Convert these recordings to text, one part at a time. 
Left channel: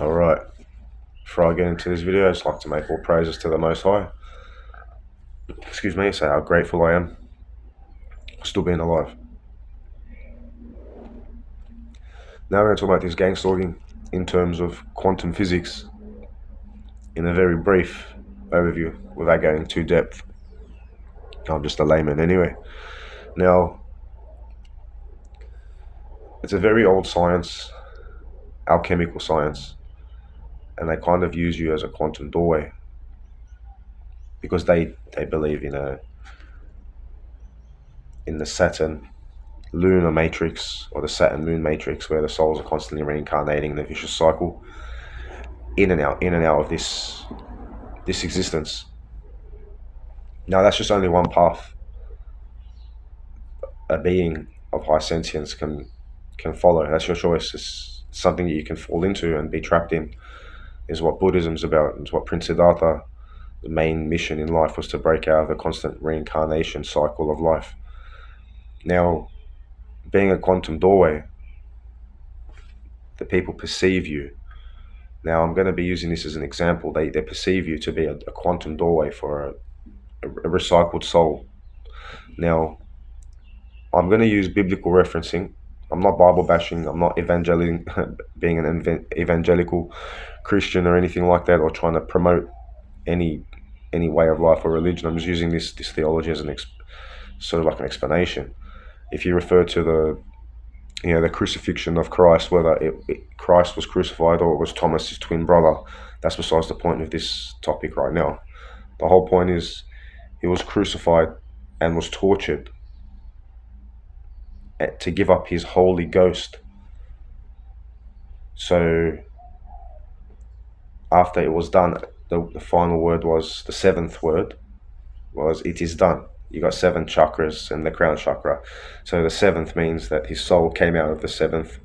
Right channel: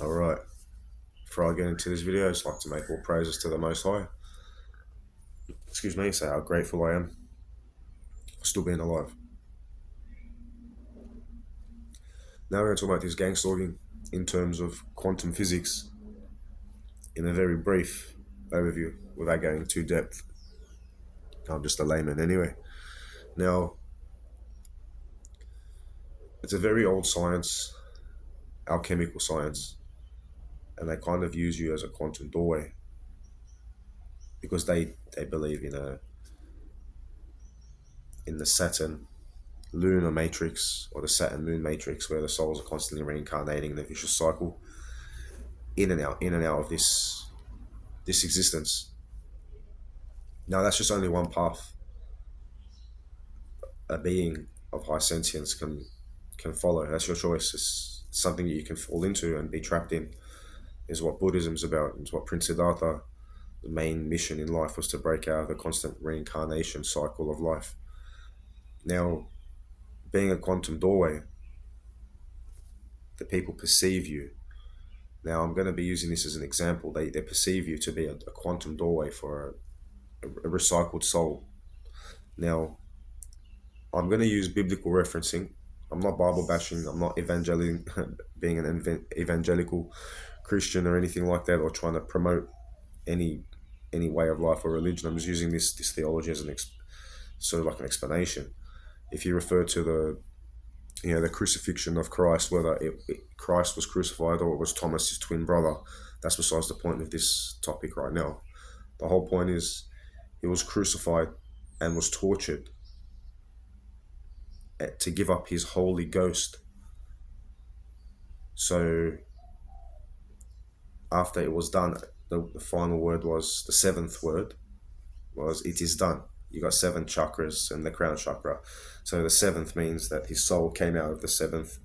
Alright, before I get into this video, I'd just like to make all praises to the Most High. Excuse me, say how grateful I am still being alive. Now we're going to talk about this gangstalking in terms of quantum physics in a very brief overview without going too depth. I'm just a layman anyway. Now, it's a very old science, alchemical science, and they kind of use you as a quantum doorway because they believe in the Saturn lunar matrix or the Saturn moon matrix where the souls are constantly reincarnating in a vicious cycle in and out of this existence. Now that's just only one path a being of high sentience can follow. That's your choice. It's something that you can fall into and be trapped in, is what Buddhism's about. It's what Prince Siddhartha, the main mission in life, was to break out of the constant reincarnation cycle of life. Now, being a quantum doorway, the people perceive you. Now, I'm going to be using this as an example. They perceive you to be a quantum doorway for a recycled soul. Now, I'm going to use biblical referencing. I'm not Bible bashing. I'm not being an evangelical Christian or anything like that, or trying to promote any way of life or religion. I'm just using this theology as sort of like an explanation. If you refer to the crucifixion of Christ, whether Christ was crucified or it was Thomas, his twin brother, that's besides the point of this topic right now. The whole point is he was crucified and was tortured to give up his Holy Ghost. So after it was done, the final word was, the seventh word was, it is done. You got 7 chakras and the crown chakra. So the 7th means that his soul came out of the 7th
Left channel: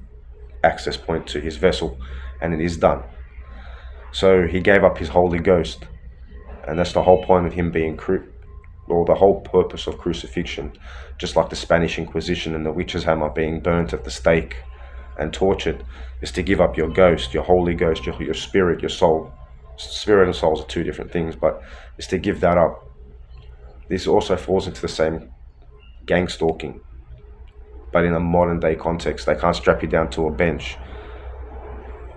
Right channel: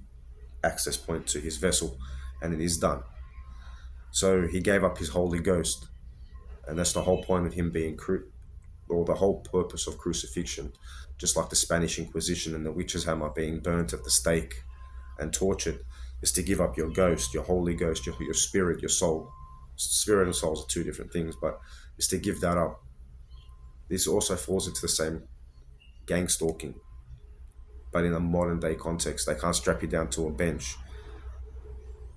access point to his vessel, and it is done. So he gave up his Holy Ghost, and that's the whole point of him being or the whole purpose of crucifixion. Just like the Spanish Inquisition and the witch's hammer being burnt at the stake and tortured, is to give up your ghost, your Holy Ghost, your spirit, your soul. Spirit and souls are 2 different things, but it's to give that up. This also falls into the same gangstalking, but in a modern day context. They can't strap you down to a bench,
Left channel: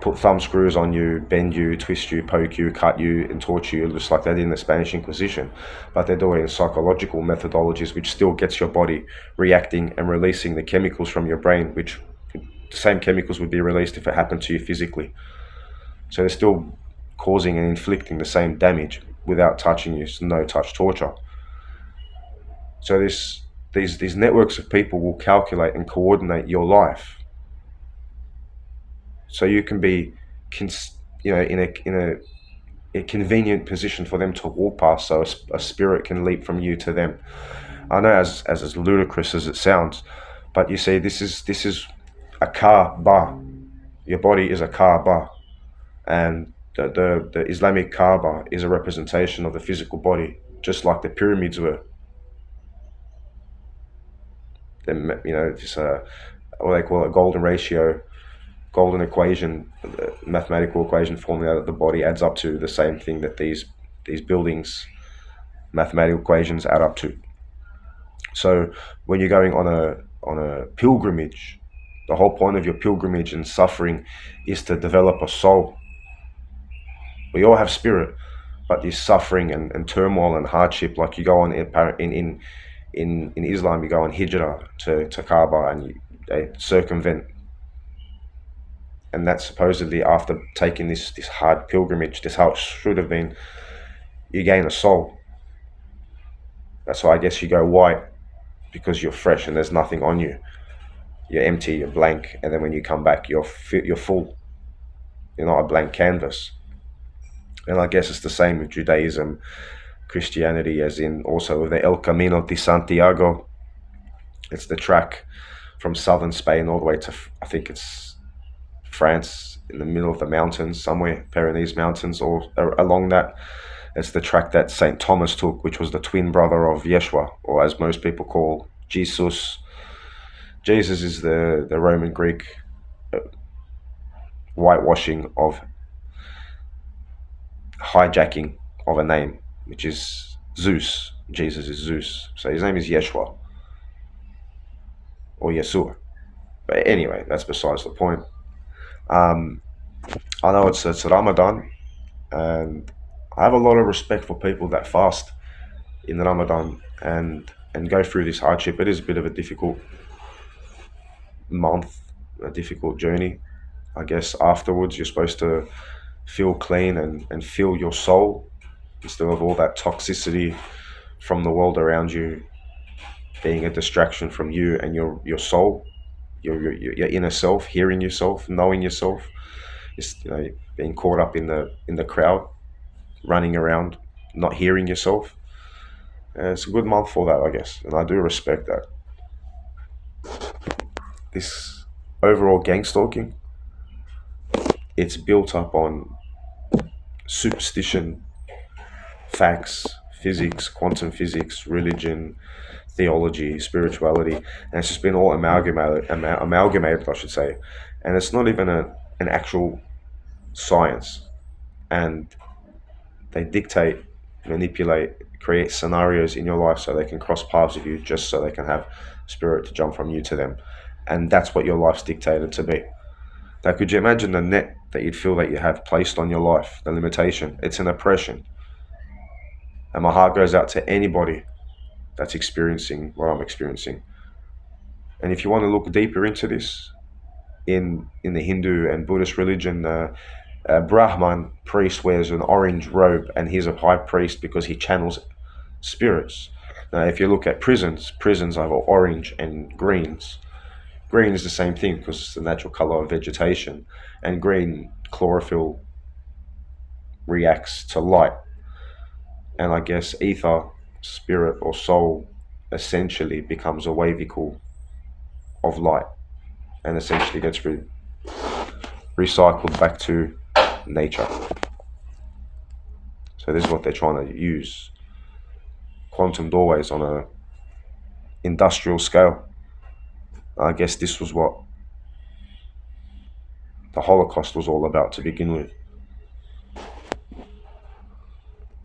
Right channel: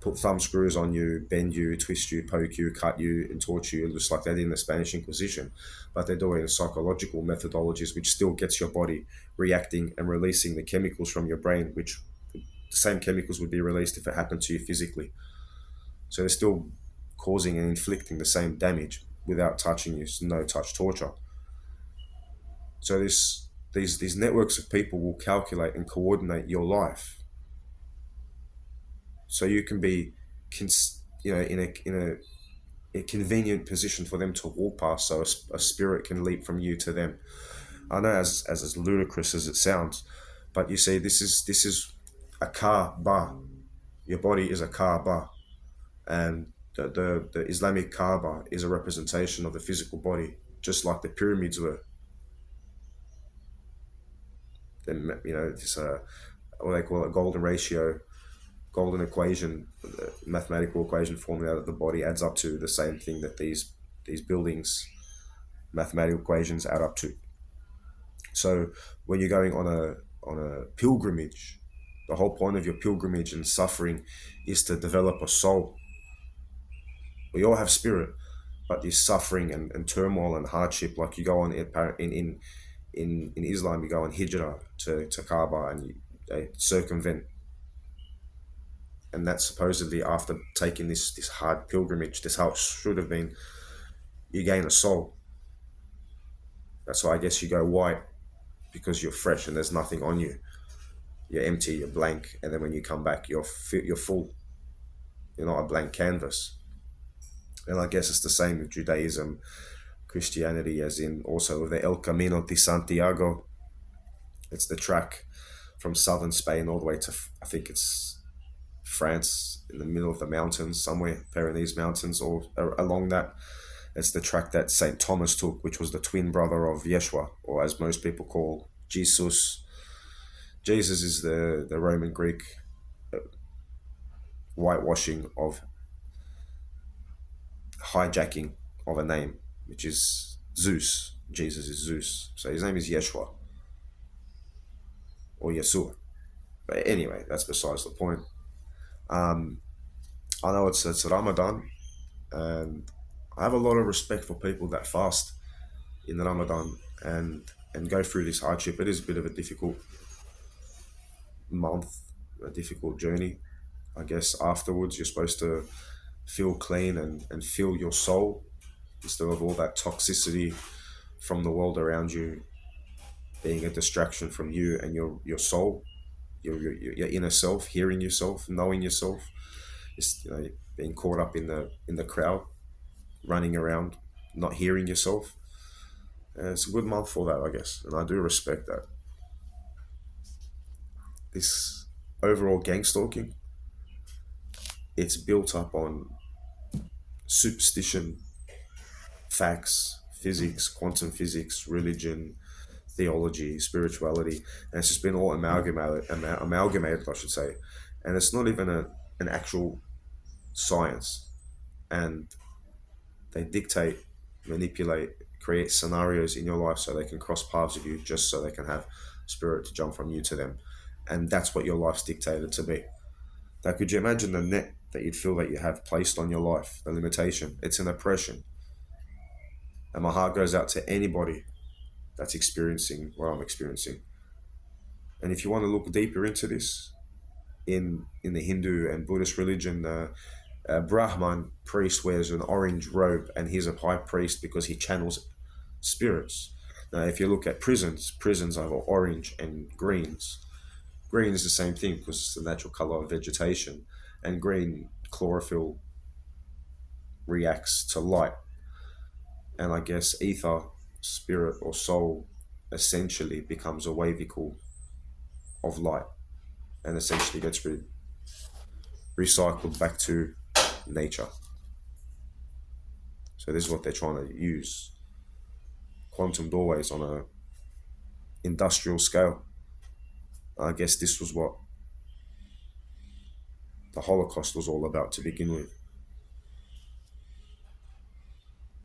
put thumb screws on you, bend you, twist you, poke you, cut you, and torture you, just like they did in the Spanish Inquisition. But they're doing psychological methodologies, which still gets your body reacting and releasing the chemicals from your brain, which the same chemicals would be released if it happened to you physically. So they're still causing and inflicting the same damage without touching you. It's no touch torture. So these networks of people will calculate and coordinate your life, so you can be, in a convenient position for them to walk past, so a spirit can leap from you to them. I know as ludicrous as it sounds, but you see, this is a Kaaba. Your body is a Kaaba, and the Islamic Kaaba is a representation of the physical body, just like the pyramids were. Then just what they call a golden ratio, golden equation, the mathematical equation formula that the body adds up to, the same thing that these buildings, mathematical equations, add up to. So when you're going on a pilgrimage, the whole point of your pilgrimage and suffering is to develop a soul. We all have spirit, but this suffering and turmoil and hardship, like you go on in Islam, you go on hijrah to Kaaba, and they circumvent. And that's supposedly after taking this hard pilgrimage, this how it should have been, you gain a soul. That's why I guess you go white, because you're fresh and there's nothing on you. You're empty, you're blank, and then when you come back, you're full. You're not a blank canvas. And I guess it's the same with Judaism, Christianity, as in also with the El Camino de Santiago. It's the track from southern Spain all the way to, I think it's France, in the middle of the mountains somewhere, Pyrenees Mountains, or along that. It's the track that St. Thomas took, which was the twin brother of Yeshua, or as most people call Jesus. Jesus is the Roman Greek whitewashing of hijacking of a name, which is Zeus. Jesus is Zeus. So his name is Yeshua or Yeshua. But anyway, that's besides the point. Um, I know it's Ramadan, and I have a lot of respect for people that fast in Ramadan and go through this hardship. It is a bit of a difficult month, a difficult journey. I guess afterwards you're supposed to feel clean and feel your soul instead of all that toxicity from the world around you being a distraction from you and your soul, your inner self, hearing yourself, knowing yourself. It's, being caught up in the crowd, running around, not hearing yourself. It's a good month for that, I guess, and I do respect that. This overall gangstalking, it's built up on superstition, facts, physics, quantum physics, religion, theology, spirituality, and it's just been all amalgamated, I should say, and it's not even an actual science, and they dictate, manipulate, create scenarios in your life so they can cross paths with you, just so they can have spirit to jump from you to them, and that's what your life's dictated to be. Now, could you imagine the net that you'd feel that you have placed on your life, the limitation? It's an oppression, and my heart goes out to anybody that's experiencing what I'm experiencing. And if you want to look deeper into this, in the Hindu and Buddhist religion, Brahman priest wears an orange robe, and he's a high priest because he channels spirits. Now, if you look at prisons have orange and greens. Green is the same thing because it's the natural color of vegetation, and green chlorophyll reacts to light. And I guess ether, spirit, or soul essentially becomes a vehicle of light and essentially gets recycled back to nature. So this is what they're trying to use: quantum doorways on a industrial scale. I guess this was what the Holocaust was all about to begin with.